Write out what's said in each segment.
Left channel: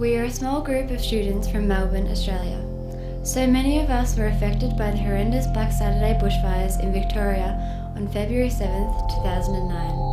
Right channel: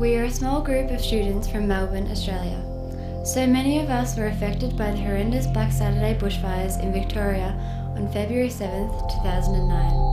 We are a small group of students from Melbourne, Australia. So many of us were affected by the horrendous Black Saturday bushfires in Victoria on February 7th, 2009.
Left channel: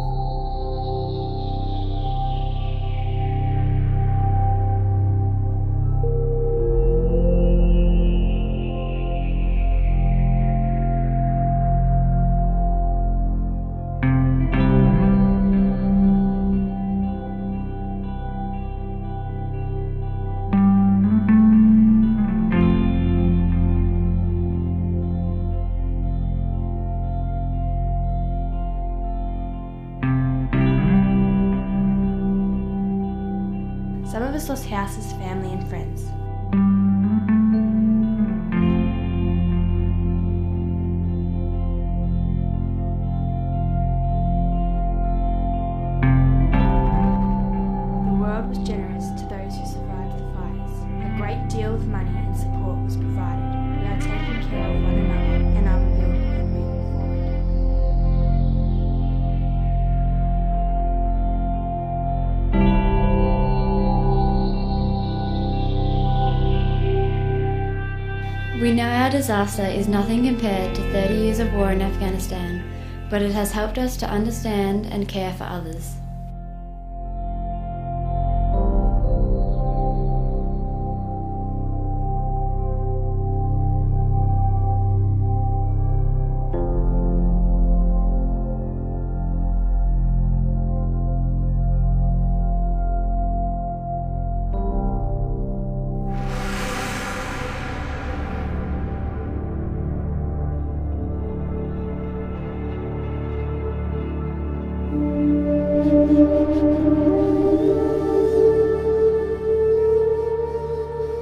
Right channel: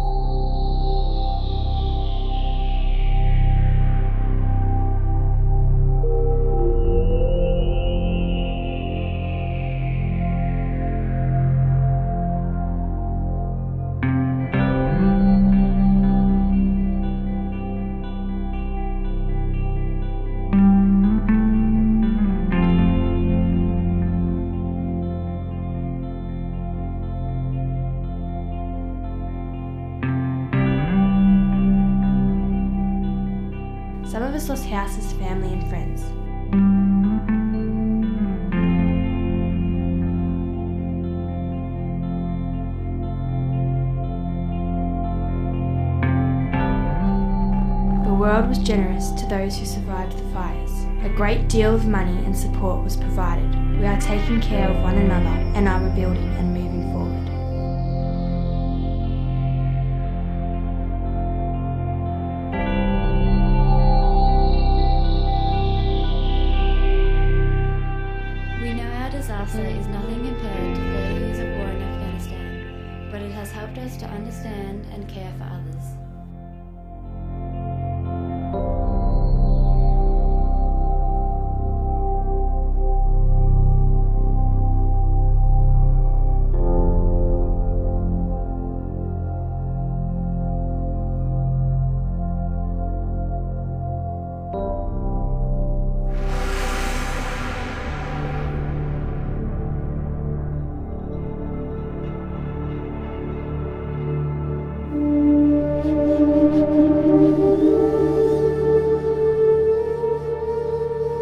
Some of us lost houses, family and friends. The world was generous to those who survived the fires. A great deal of money and support was provided. We are taking care of one another and are rebuilding and moving forward. We know our disaster is nothing compared to 30 years of war in Afghanistan, but it has helped us to understand and care for others.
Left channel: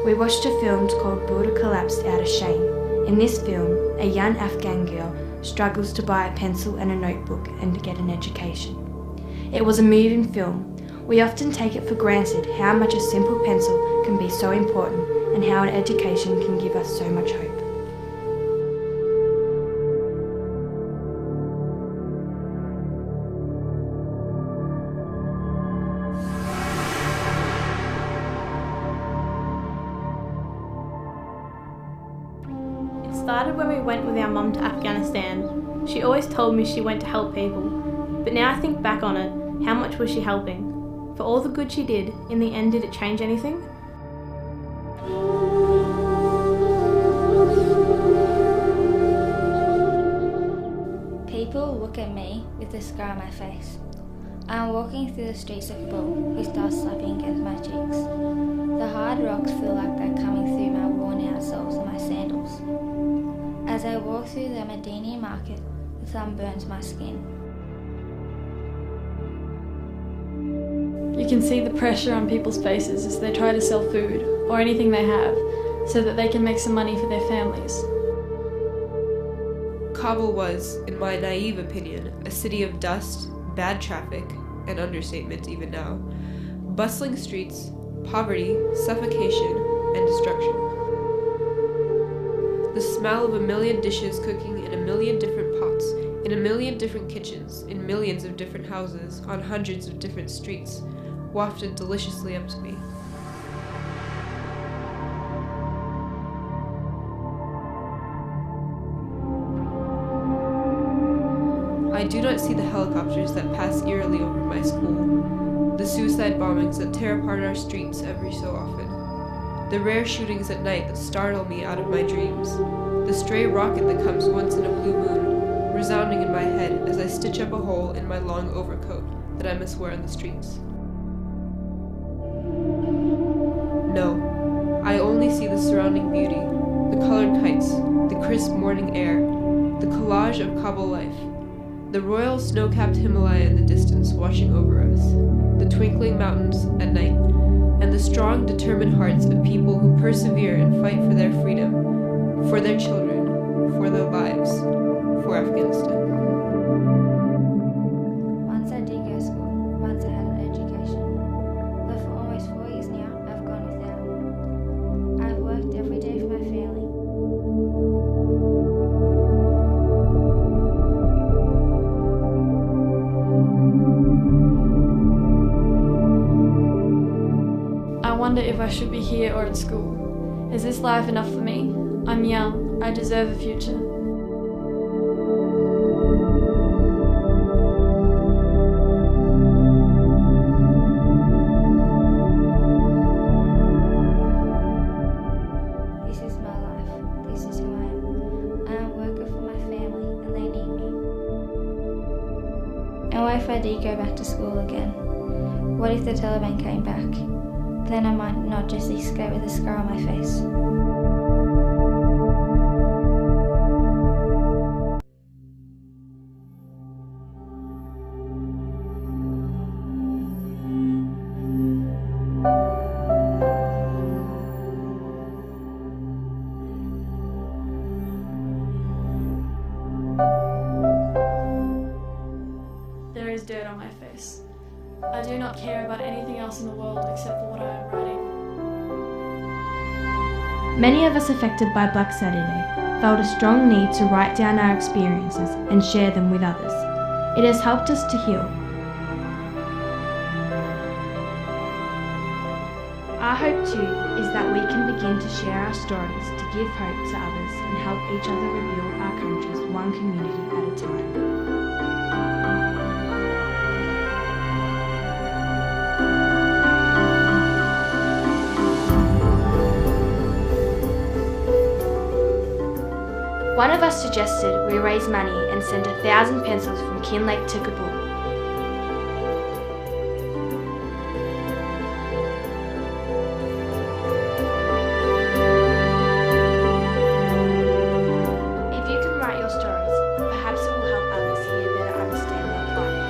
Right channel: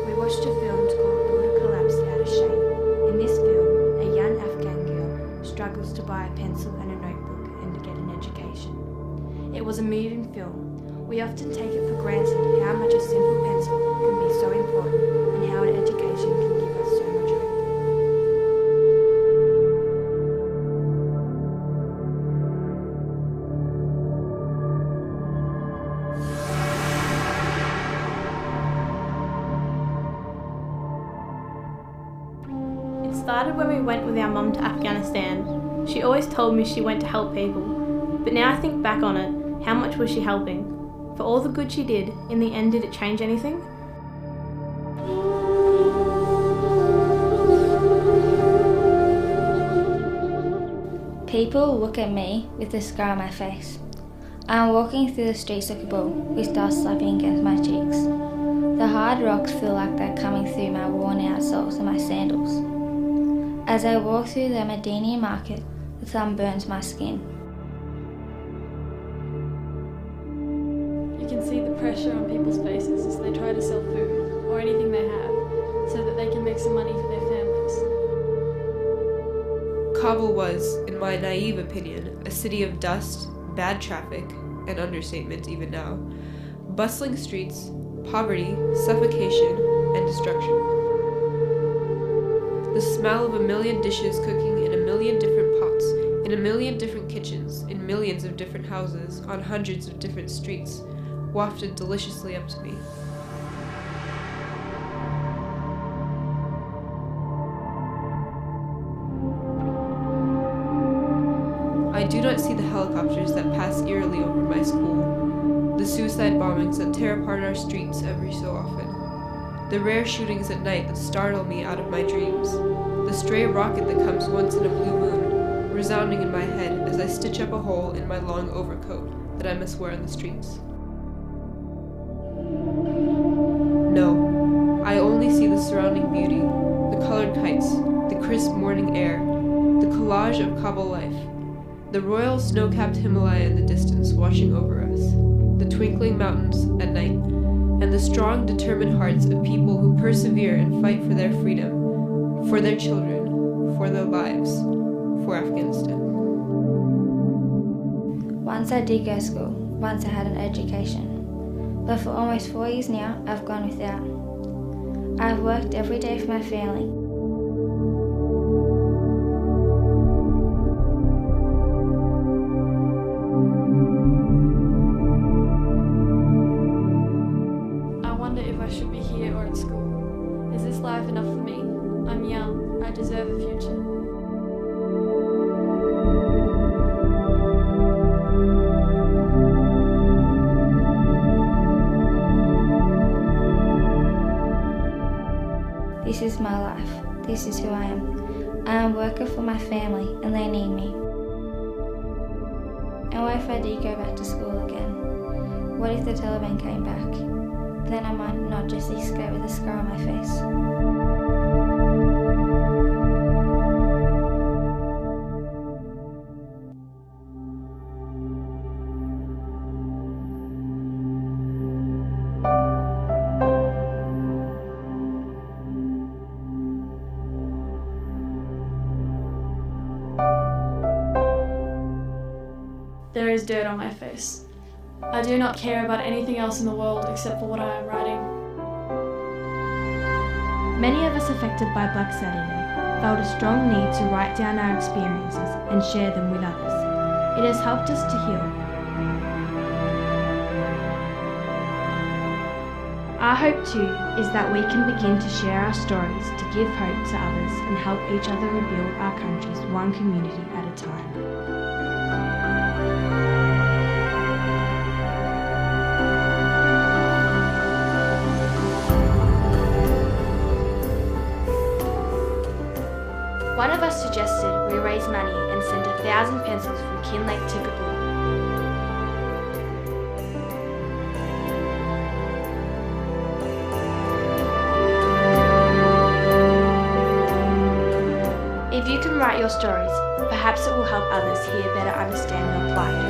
We watched a film called Buddha Collapsed Out of Shame. In this film, a young Afghan girl struggles to buy a pencil and a notebook and to get an education. It was a moving film. We often take it for granted how much a simple pencil can be so important and how an education can give us so much hope. It started when we went with our mum to Afghanistan. She always told me she went to help people, but now I think back on it, how much was she helping? For all the good she did, in the end did it change anything? People look at me with a scar on my face. I am walking through the streets of Kabul with dust slapping against my cheeks. The hard rocks feel like they're coming through my worn out soles and my sandals. As I walk through the Medina market, the sun burns my skin. You can see the pressure on people's faces as they try to sell food or anything they have so that they can make some money for their families. Kabul was, in my naive opinion, a city of dust, bad traffic, an understatement even now, bustling streets, poverty, suffocation, and destruction. The smell of a million dishes cooking in a million different pots, in a million different kitchens, in millions of different houses, on hundreds of different streets, wafted deliciously up to me. I do not see the helicopters that pass eerily over my school, the suicide bombings that tear apart our streets every so often, the rare shootings at night that startle me out of my dreams, the stray rocket that comes once in a blue moon, resounding in my head as I stitch up a hole in my long overcoat that I must wear on the streets. No, I only see the surrounding beauty, the colored kites, the crisp morning air, the collage of Kabul life, the royal snow-capped Himalaya in the distance watching over us, the twinkling mountains at night, and the strong, determined hearts of people who persevere and fight for their freedom, for their children, for their lives, for Afghanistan. Once I did go to school, once I had an education, but for almost 4 years now, I've gone without. I've worked every day for my family. I wonder if I should be here or at school. Is this life enough for me? I'm young. I deserve a future. This is my life. This is who I am. I am a worker for my family and they need me. And what if I did go back to school again? What if the Taliban came back? Then I might not just escape with a scar on my face. There is dirt on my face. I do not care about anything else in the world except for what I am writing. Many of us affected by Black Saturday felt a strong need to write down our experiences and share them with others. It has helped us to heal. Our hope too is that we can begin to share our stories to give hope to others and help each other rebuild our countries one community at a time. One of us suggested we raise money and send 1000 pencils from Kinglake to Kabul. If you can write your stories, perhaps it will help others here better understand your plight.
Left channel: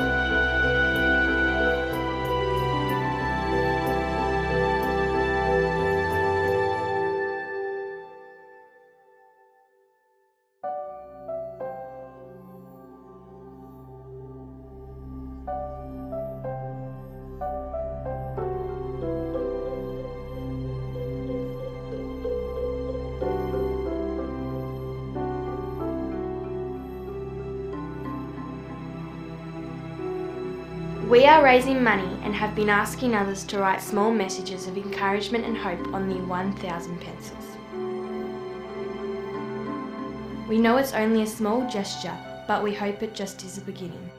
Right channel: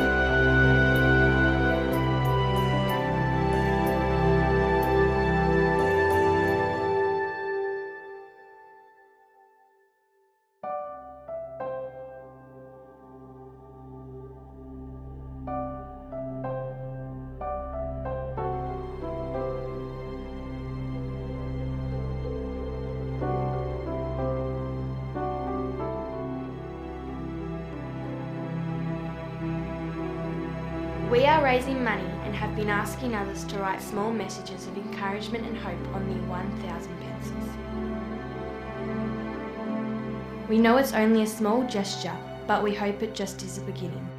We are raising money and have been asking others to write small messages of encouragement and hope on the 1000 pencils. We know it's only a small gesture, but we hope it just is a beginning.